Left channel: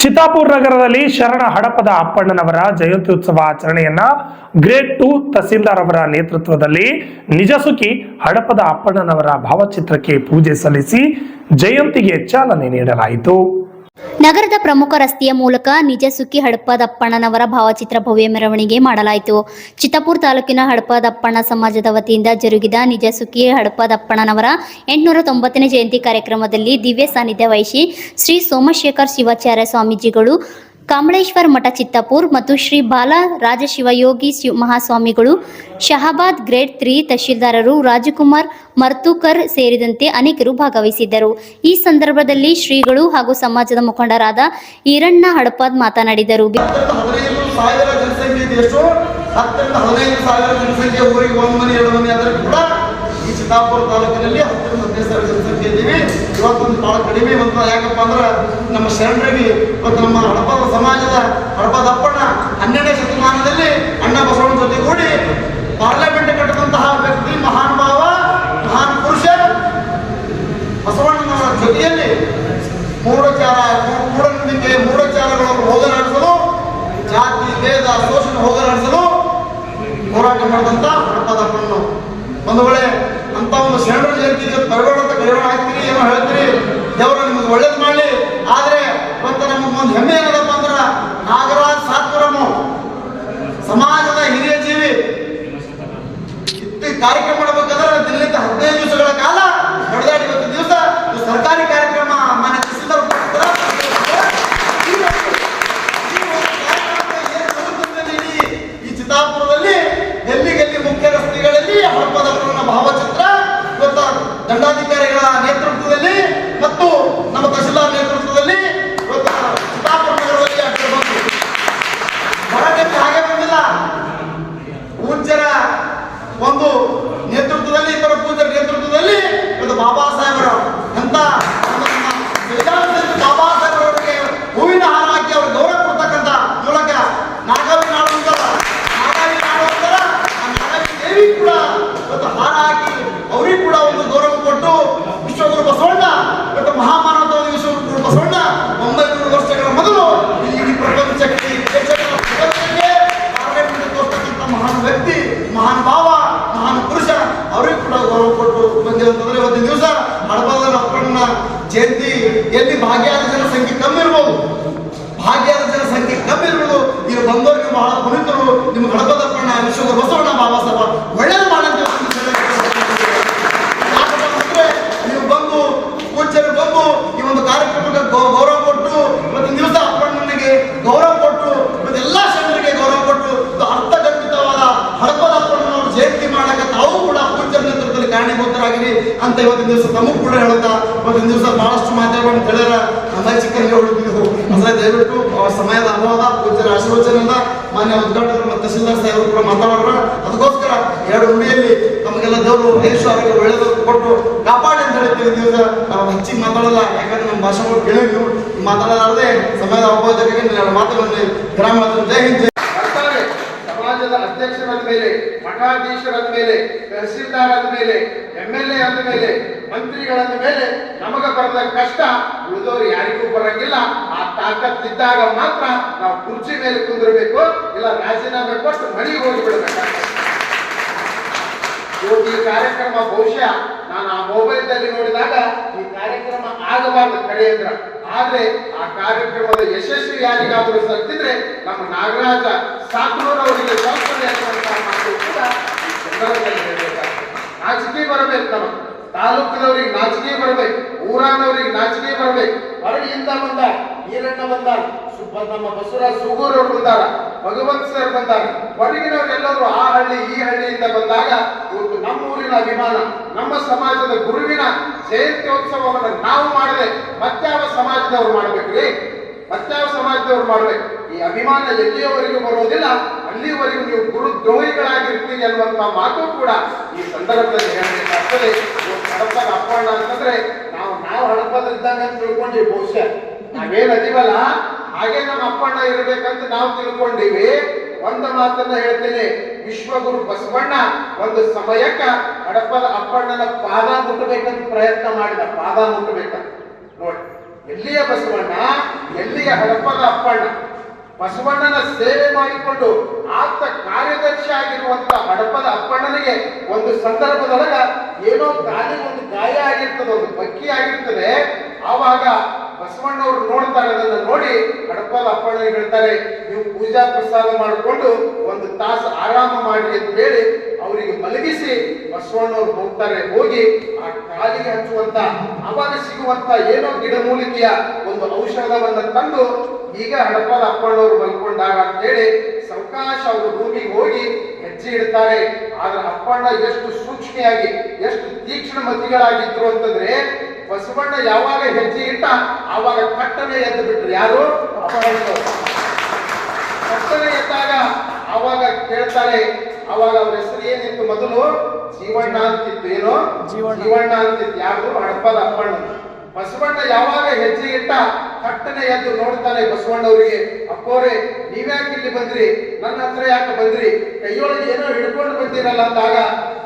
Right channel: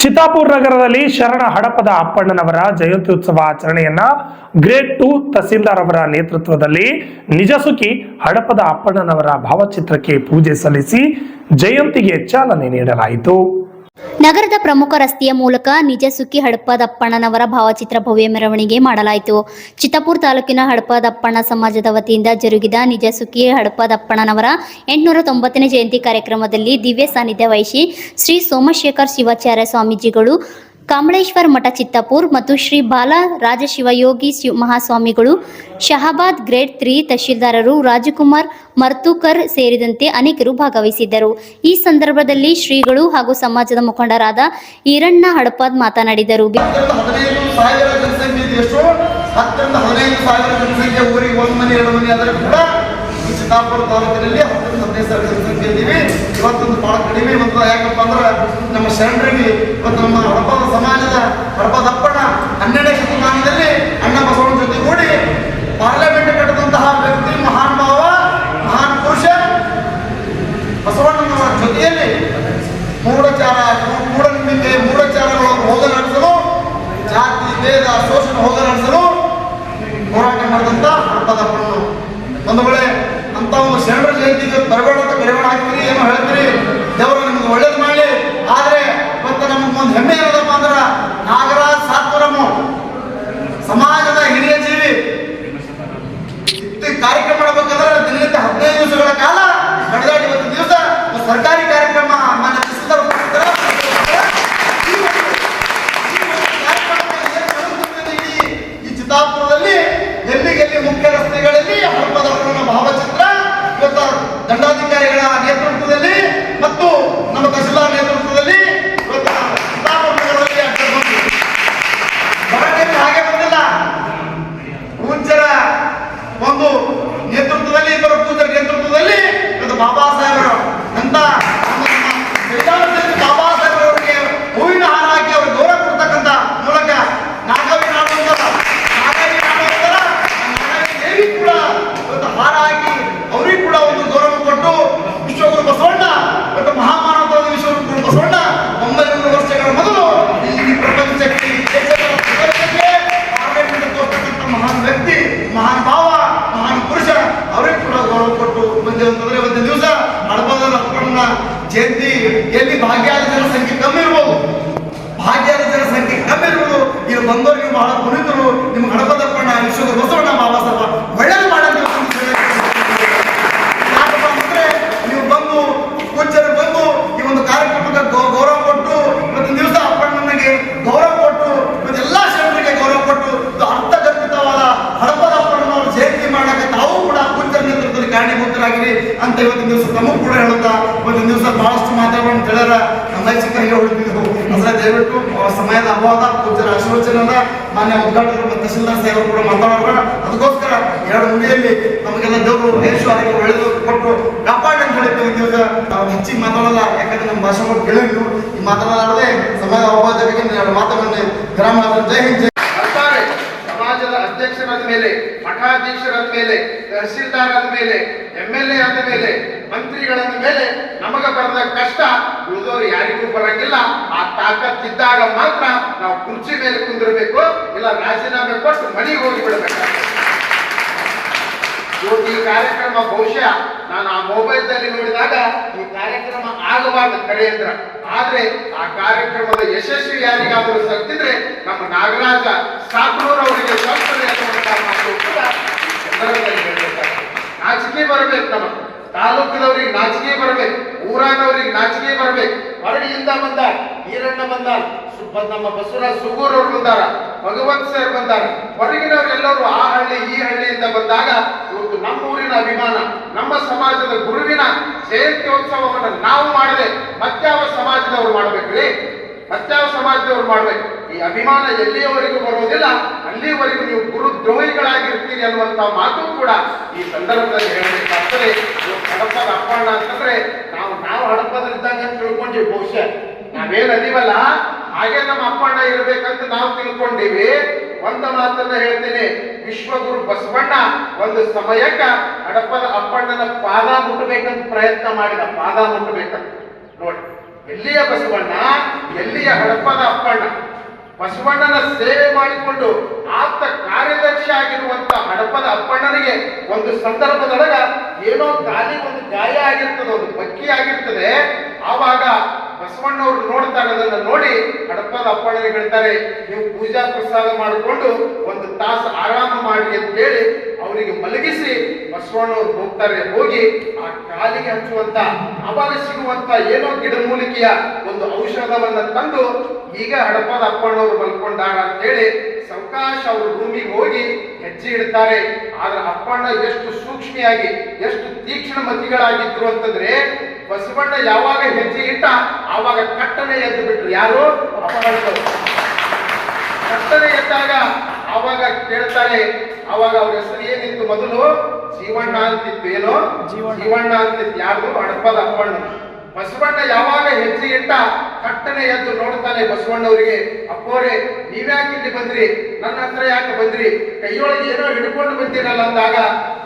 ಚಿತ್ತಾಪುರ ನಗರದಲ್ಲಿ ಶರಣ ಹಡಪದ ಅಪ್ಪಣ್ಣನವರ ಜಯಂತಿ ಉತ್ಸವ ಆಚರಣೆಯನ್ನ ಗ್ರೇಟ್ ಟು ತಹಸೀಲ್ದಾರ್ ಅವರ ನೇತೃತ್ವದಲ್ಲಿ ನಿಜಸುಖಿ ಹಡಪದ ಅಪ್ಪಣ್ಣನವರ ಭಾವಚಿತ್ರಕ್ಕೆ ಪೂಜೆ ಸಲ್ಲಿಸಿ ಜಯಂತಿಗೆ ಚಾಲನೆ ನೀಡಲಾಯಿತು. ನಗರದ ಪ್ರಮುಖ ರಸ್ತೆಯ ಮೂಲಕ ನಿಜ ಸುಖಿ ಹಡಪದಪ್ಪಣ್ಣನವರ ಭಾವಚಿತ್ರ ಭವ್ಯ ಮೆರವಣಿಗೆ ಮಾಡಲಾಯಿತು. ಚಿತ್ತಾಪುರ ತಾಲೂಕಿನ ಹಡಪದಪ್ಪಣ್ಣ ಸಮಾಜದ ವತಿಯಿಂದ ಜರುಗಿದ ನಿಜ ಸುಖಿ ಹಡಪದಪ್ಪಣ್ಣನವರ ಎಂಟುನೂರ ತೊಂಬತ್ತನೇ ಜಯಂತಿ ಕಾರ್ಯಕ್ರಮದಲ್ಲಿ ದಿವ್ಯ ಸಾನ್ನಿಧ್ಯ ವಹಿಸಿ ಶ್ರೀ ಸೋಮಶೇಖರ್ ಶಿವಾಚಾರ್ಯ ಸ್ವಾಮೀಜಿಗಳು ಕಾಮಳೇಶ್ವರ ಮಠ ಚಿತ್ತಾಪುರ್ ಮತ್ತು ಶ್ರೀ ಬಾಲ ರಾಜಶಿವಯೋಗಿ ಶಿವ ಮಹಾಸ್ವಾಮಿಗಳು, ಶಹಾಬಾದ್ ಗ್ರೇಡ್ ತ್ರೀ ತಹಶೀಲ್ದಾರರು ರಾಜಕುಮಾರ್ ಮರ್ತೂಕರ್ ಸೇರಿದಂತೆ ಅನೇಕರು ಭಾಗವಹಿಸಿದ್ದರು. ಈ ಸಂದರ್ಭದಲ್ಲಿ ಶ್ರೀಗಳು ಹಾಗೂ ಸಮಾಜದ ಮುಖಂಡರಾದ ಈರಣ್ಣ ಹಡಪದ್ ಮಾತನಾಡಿದರು. ಚಿತ್ತಾಪುರ ತಾಲೂಕಿನಲ್ಲಿ ಹತ್ತರಿಂದ ಹದಿನೈದು ಸಾವಿರ ಜನಸಂಖ್ಯೆ ಇದ್ದೀವಿ. ಇವತ್ತೊಂದು ಬಹಳ ಕಡಿಮೆ ಒಂದು ಯಾಕಪ್ಪ ಅಂದ್ರೆ ನಮ್ಮ ಶರಣರಿಗೆ ಇವತ್ತು ನಮ್ಮ பூரண ಮಾತಾಡೋಣ ತಿಳಿಯರ ನಮ್ಮ ಚಿಕ್ಕರಿಗೆ ಹೊಡಿತಿದ್ದೆವು ಅಂದ್ರೆ ದಯವಿಟ್ಟು ಸಮಯದ ಅನುವಾದ ಪೂಜೆ ಆಶೀರ್ವಚನದ ಮಾನ್ಯ ಉದ್ಘಾಟಕರು ಮತ್ತು ತಹಸೀಲ್ದಾರ್ ಸಾಹೇಬರು ಕೂಡ ಮಾತಾಡೋಣ. ಅದಕ್ಕೋಸ್ಕರ ಎರಡು ಮುಂದೆಯಲ್ಲಿ ನಮಗೆಲ್ಲ ದೇವರು ದೇಶ ಅವರಿಗೆ ಒಳ್ಳೆಯದು ಕೊಟ್ಟು ಕಾಪಾಡಿ ಅಂತ ಹೇಳ್ತೀವಿ ನಾವು ಹೆಚ್ಚಿಗೆ ಮಾತಾಡಲ್ಲ. ಯಾಕಂದ್ರೆ ನಮ್ಮ ಭಾಷೆಗಳು ಕೇಳಿದ್ವು ಈ ಮಾತಾಡಲಾರದೆ ಸಮಯದ ಅಭಾವ ಜೊತೆಗೆ ಎರಡು ಮಾತುಗಳಲ್ಲಿ ಗ್ರಾಮ ಜೈ ಸಮಾಜದ ಅಧ್ಯಕ್ಷರಾದ ಮೇಲೆ, ಮಠಾಧೀಶರಾದ ಮೇಲೆ ತಹಸೀಲ್ದಾರ್ ಆದ ಮೇಲೆ ಎಂ ಎಲ್ ಎ ಆದ ಮೇಲೆ ಮಂತ್ರಿಗಳಾದ ಮೇಲೆ ನಮಗ ಬರದ ಕಷ್ಟ ಉಳಿದವರು ಯಾರಿಗೂ ಬರಂಗಿಲ್ಲ. ಆ ತಾಕತ್ತಿದ್ದಾಗ ಮಾತ್ರ ನಾವು ಕುರ್ಚಿ ಮೇಲೆ ಕುಂದಿರಬೇಕು, ಇಲ್ಲ ರಾಜೀನಾಮೆ ಕೊಟ್ಟು ಮನೆಗೆ ಹೋಗಿ ಬಿಡಬೇಕಾಗ್ತದೆ. ಈ ಕಾರ್ಯಕ್ರಮ ಬಹುಶಃ ನಾನು ಆ ಮೊಬೈಲ್ದಲ್ಲಿ ನೋಡಿದಾಗ ಈ ಕಾರ್ಯಕ್ರಮ ಆಗಬಾರದು ಕಡೆಯಿಂದ. ಆದ್ರೆ ಆ ಕಾರ್ಯಕ್ರಮದ ಯಶಸ್ವಿ ಯಾರಿಗಾದರೂ ಸತ್ತಿದ್ರೆ ನಮ್ಮ ನಾಗರಾಜ ಸಾಕನೂರ್ ಅವರಿಗೆ ಹೇಳ್ಬೇಕಾಗ್ತದೆ. ನಾಚಿಕೆ ಬರಬೇಕು ನಮ್ಮ ತಾಲೂಕಿನವ್ರಿಗೆ ನಾಚಿಕೆ ಬರಬೇಕು, ಊರಾನವ್ರಿಗೆ ನಾಚಿಕೆ ಬರಬೇಕು. ಹೊರಡಿಯಿಂದ ಬಂದ ಈರಣ್ಣ ಬಂದ ನಮ್ಮ ಬಸವರಾಜ್ ಸುಗೂರ್ ಅವರು ಬಂದಾರ, ಭಗವಂತ ಸರ್ ಬಂದಾರ. ಹೊರಗಿನವರೆಲ್ಲರೂ ಆ ಹಳ್ಳಿ, ಈ ಹಳ್ಳಿಯಿಂದ ಬಂದಾಗ ಇವತ್ತು ನಮ್ಮ ಊರಿನ ಅಭಿಮಾನ, ನಮ್ಮ ಸಮಾಜದ ಗುರುವಿನ ಜಯಂತ್ಯೋತ್ಸವವನ್ನು ನಾವು ಮಾಡಿದೆ ಮತ್ತಾವ ಸಮಾಜದವರು ಮಾಡ್ಬೇಕ್ರಿ ಮತ್ತಾವ ಸಮಾಜದವ್ರು ಮಾಡ್ಬೇಕು? ಈ ಅಭಿಮಾನ ಎಲ್ಲಿಯವರೆಗೂ ಬರೋದಿಲ್ಲ ಅಲ್ಲಿಯವರೆಗೂ ನೀವು ಗುರು ದ್ರೋಹಿಗಳಾಗಿರ್ತೀರಿ ಅನ್ನುವಂತ ಮಾತು ಕೂಡ ಈ ಸಂದರ್ಭದಲ್ಲಿ ಹೇಳಬೇಕಾಗ್ತದೆ. ಅಪ್ಪಣ್ಣ ಅಂತಂದ್ರೆ ನಾವು ನಾವು ಹಡಪದಿದ್ದಂಗೆ ಅಂತ ತಿಳ್ಕೊಂಡಿವಿ ಬಹುಶಃ. ನಾವೇನ್ ಅದೀವಲ್ಲ? ಹಾಗೆ ನಮ್ಮ ಅಪ್ಪಣ್ಣ ಇರಬೇಕಂತ ನಾವು ತಿಳ್ಕೊಂಡಿವಿ. ಒಂದ ಮಾತನ್ನ ಹೇಳ್ತೇನೆ. ವಿಶ್ವಗುರು ಬಸವಣ್ಣ ಒಂದು ಸಮಯಕ್ಕ ಹಡಪದ ಅಪ್ಪಣ್ಣನ ಪಾದ ಮುಟ್ಟಬೇಕಂತ ಪ್ರಯತ್ನ ಮಾಡಿದ. ಪಾದ ಮುಟ್ಟಬೇಕಂತ ನೋಡಿ, ಎಲ್ಲಿಯ ಬಸವಣ್ಣ? ಎಲ್ಲಿಯ ಹಡಪದ ಅಪ್ಪಣ್ಣ ಬಸವಣ್ಣನ ಸೇವೆ ಮಾಡಿಕೊಂಡು ಆಪ್ತ ಕಾರ್ಯದರ್ಶಿ ಆಗಿರುವಂತ ಹಡಪದ ಅಪ್ಪಣ್ಣನಿಗೆ ಒಂದು ಸಂದರ್ಭದೊಳಗ ಏನೋ ಗಾಲಿ ಒಂದು ಗಾಯ ಆಗಿರ್ತದೆ, ಒಂದು ಬಕ್ಕಿ ಆಗಿರ್ತದೆ, ಆವಾಗ ಬಸವಣ್ಣವರು ನೋಡ್ತಾರೆ ಅದನ್ನು ನೋಡಿ ಹಡಪದ ಅಪ್ಪಣ್ಣನಿಗೆ ಹೇಳ್ತಾರೆ, ನೀವು ಪೂಜಾ ಪ್ರಸಾದ ಮಾಡಿಕೊಂಡು ಒಂದು ತಾಸು ಆರಾಮ ಮಾಡಿ ಅಂತ ಹೇಳಿ ಅವರಿಗೆ ಮಲಗಿಸಿ ಬಸವಣ್ಣವ್ರು ಹೋಗ್ತಾರೆ, ಹೋಗಿ ಆ ಕಾಲಿಗೆ ಹಚ್ಚುವಂತ ಅವಾಗ ಸಿಗುವಂತ ಏನೋ ಗಿಡಮೂಲಿಕೆಯ ಒಂದು ಔಷಧವನ್ನು ತಂದು ಈಗ ಹಡಪದ ಅಪ್ಪಣ್ಣವ್ರು ಮಲ್ಕೊಂಡಾಗ ಅಂತೇಳಿ ಸಾವಕಾಶ ಅವರು ಭೂಮಿಗೆ ಹೋಗಿ ಹೆಜ್ಜೆ ಇಡ್ತಾರೆ. ಆದ್ರೆ ಅಪ್ಪಣ್ಣ ಎಷ್ಟು ಸೂಕ್ಷ್ಮಿಯಾಗಿ ಎಷ್ಟು ತೀಕ್ಷ್ಣ ಮತಿಗಳಾಗಿದ್ರು ಅಂತಂದ್ರೆ ಬಸವಣ್ಣ ಯಾವಾಗ ಹೆಜ್ಜೆ ಇಟ್ಟ ಆವಾಗ ಕಟ್ಟನೆ ಎದ್ದು ಬಿಟ್ರು. ಯಾರು? ಕಟ್ಟನೆ ಕರ್ತನೆ ಎದ್ದಾಗ ಅವಾಗ ಕೇಳ್ತಾರೆ ಅವಾಗ ಅವ್ರ ಹೆಸರು ಏನಿತ್ತು ಮೊದಲು? ಜೀವಣ್ಣ ಅಂತಿತ್ತು. ಏನು? ಜೀವಣ್ಣ. ಅಂತಿತ್ತು. ಯಾರು ಹಡಪದ ಅಪ್ಪಣ್ಣ. ಬಸವಣ್ಣ ಯಾವಾಗ ಹೆಜ್ಜೆ ಇಟ್ಟ ಕಟ್ಟನೆ ಎದ್ದು ನೋಡ್ತಾನೆ ಬಸವಣ್ಣವರಿಗೆ, ಅಪ್ಪೋರೆ, ನೀವ್ಯಾಕೆ ಇಲ್ಲಿ ಬಂದ್ರಿ? ನನ್ನ ಹತ್ರ ಯಾಕೆ ಬಂದ್ರಿ? ಕೈಯೊಳಗೆ ಏನೋ ಹಿಡ್ಕೊಂಡು ಬಂದಿರಲ್ಲ ಅಂದಾಗ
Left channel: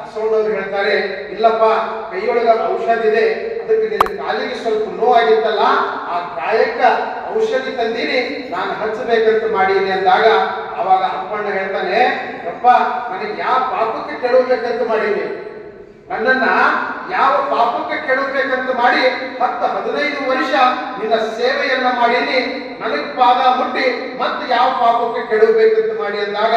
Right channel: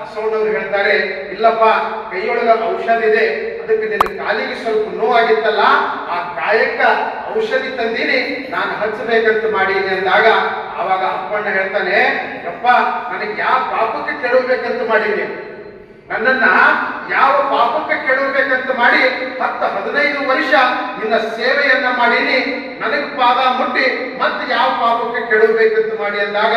ಬಸವಣ್ಣವ್ರು ಹೇಳ್ತಾರೆ, ಇಲ್ಲಪ್ಪ, ಕೈಯೊಳಗ ಔಷಧ ಇದೆ ಅದಕ್ಕೆ ನಿನ್ನ ಕಾಲಿಗೆ ಸ್ವಲ್ಪ ನೋವಾಗಿತ್ತಲ್ಲ, ಆ ಗಾಯಕ್ಕ ಔಷಧಿ ತಂದೀನಿ, ನಾನು ಹಚ್ಚಬೇಕಂತ ಮಾಡೀನಿ ಅಂದಾಗ ಆವಾಗ ಅಪ್ಪಣ್ಣ ಹೇಳ್ತಾನೆ ಅಪ್ಪ ನನಗೆ ಯಾವ ಪಾಪಕ್ಕೆ ಕೆಡಬೇಕಂತ ಮಾಡೀನಿ? ನನ್ನನ್ನ ಯಾವ ಪಾಪಕ್ಕೆ ಮಾಡಿ ಹತ್ತು ಹದಿನೈದು ವರ್ಷ ನಿನ್ನ ಸೇವೆಯನ್ನ ಮಾಡೀನಿ. ನನಗ್ ಪಾದ ಮುಟ್ಟಿ ಮತ್ತೆ ಯಾವ ಪಾಪಕ್ಕೆ ಕೆಡಬೇಕಂತ ಮಾಡಿ ಅಂದಾಗ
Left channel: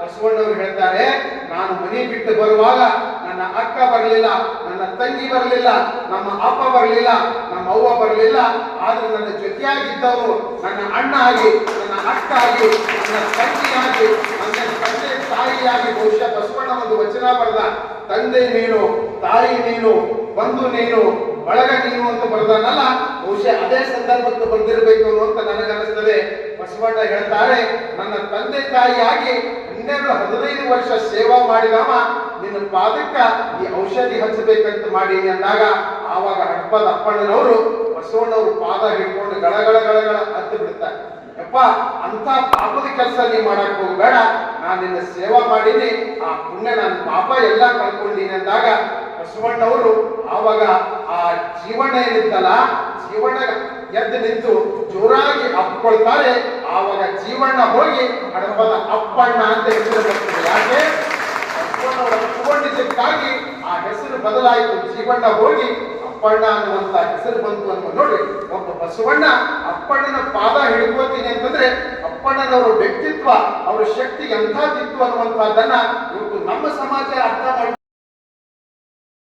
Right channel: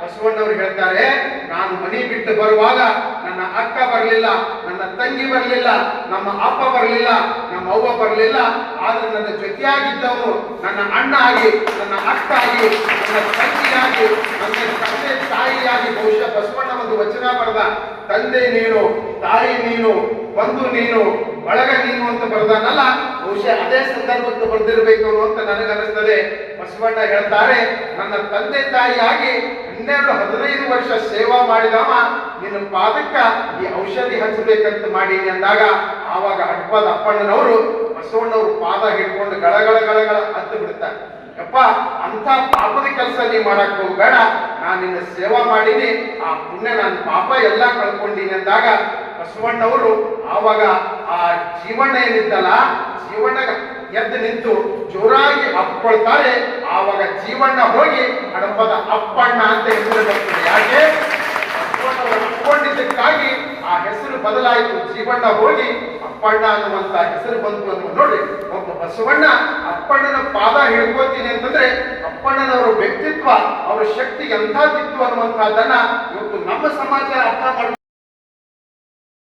ಬಸವಣ್ಣವರು ಹೇಳ್ತಾರೆ, ನಾನು ಮನಿ ಬಿಟ್ಟು ಬರುವಾಗ ನನ್ನ ಅಕ್ಕ ಬರಲಿಲ್ಲ, ನನ್ನ ತಂಗಿ ಬರಲಿಲ್ಲ, ನಮ್ಮ ಅಪ್ಪ ಬರಲಿಲ್ಲ, ನಮ್ಮ ಅವ್ವ ಬರಲಿಲ್ಲ. ಆದ್ರೆ ನನ್ನ ಜೊತೆಯಾಗಿದ್ದವರು ನನ್ನ ಅಣ್ಣ ಆಗಿ, ನನ್ನ ಅಕ್ಕ ಆಗಿ, ನನ್ನ ತಂಗಿಯಾಗಿ ನನ್ನ ತಂದೆ ತಾಯಿಯಾಗಿ ಬಹುಶಃ ಬಸವಣ್ಣ ಒಂದು ವಚನ ಬರೆದ, ತಂದೆ ನೀನು, ತಾಯಿ ನೀನು, ಬಂಧು ನೀನು ಬಳಗ ನೀನು ಅಂತ ಬರ್ದಾನಲ್ಲ, ಬಹುಶಃ ಅದೇ ಸಂದರ್ಭಕ್ಕೆ ಬಂದಿರಬೇಕು ಅಂತ ನನಗನ್ನಿಸ್ತದೆ. ಬಸವಣ್ಣ ಹೇಳ್ತಾರೆ, ನನ್ನ ತಂದೆ ತಾಯಿಯಾಗಿ ಹನ್ನೆರಡು ಹದಿನೈದು ವರ್ಷ ಸೇವಾ ಮಾಡಿದವ, ನಿನ್ನ ಪಾದಕ್ಕ ಈ ಔಷಧಿ ಹಚ್ಚಬೇಕಂತ ಮಾಡಿ ಅಂದಾಗ, ಆವಾಗ ಅಪ್ಪದ ಅಪ್ಪಣ್ಣನವರು ಬಸವಣ್ಣವರು ಪಾದ ಹಿಡ್ಕೊಂಡು ಗಳಗಳ ಗಳಗಳ ಹತ್ತು ಬಿಡ್ತಾರೆ. ಅಪ್ಪ ಅಂತ ಪಾಪದ ಕೆಲಸ ನೀ ಮಾಡಕ್ ಹೋಗ್ಬೇಡ, ನಾನು ನಿನ್ನ ಸೇವಾ ಮಾಡೀನಿ, ಆ ಪುಣ್ಯ ನನ್ನ ಪಾಪ ಎಲ್ಲ ಕಳ್ಕೊಂಡೀನಿ ಅಂದಾಗ, ಬಸವಣ್ಣವರು ಆವಾಗ ಆ ಜೀವನ ಏನಿತ್ತಲ್ಲ ಜೀವನ ಎದ್ದು ನಿಂತು ಜೋರಾಗಿ ಅಪ್ಪಳ್ತಾರೆ ಆವಾಗ ಜೀವಣ್ಣ ಹೋಗಿ ಹಡಪದ ಅಪ್ಪಣ್ಣ ಅಂತ ಹೆಸರು ಬರ್ತದೆ ಯಾಕೆ? ಬಸವಣ್ಣವರು ಅಪ್ಕೊಂಡಿದ್ದಕ್ಕಾಗಿ ಆ ಹೆಸರು ಬದಲಾಯಿತು. ಜೀವಣ್ಣ ಹೋಗಿ ಅಪ್ಪಣ್ಣ ಅನ್ನುವಂತ ಹೆಸರು ಬಂತು ಅಂತ ನೋಡಿ, ಒಬ್ಬ ಬಸವಣ್ಣ ಅಪ್ಪಣ್ಣನ ಪಾದ ಹಿಡ್ಕೋತೀನಿ ಅಂತಂದ್ರೆ ಅಪ್ಪಣ್ಣನವರ ವ್ಯಕ್ತಿತ್ವ, ಅವರ ಶಕ್ತಿ ಎಂಥದ್ದಿತ್ತು ಅನ್ನುವಂತಹದ್ದನ್ನ ಇವತ್ತು ನಮ್ಮ ಸಮಾಜ ಅರ್ಥ ಮಾಡಿ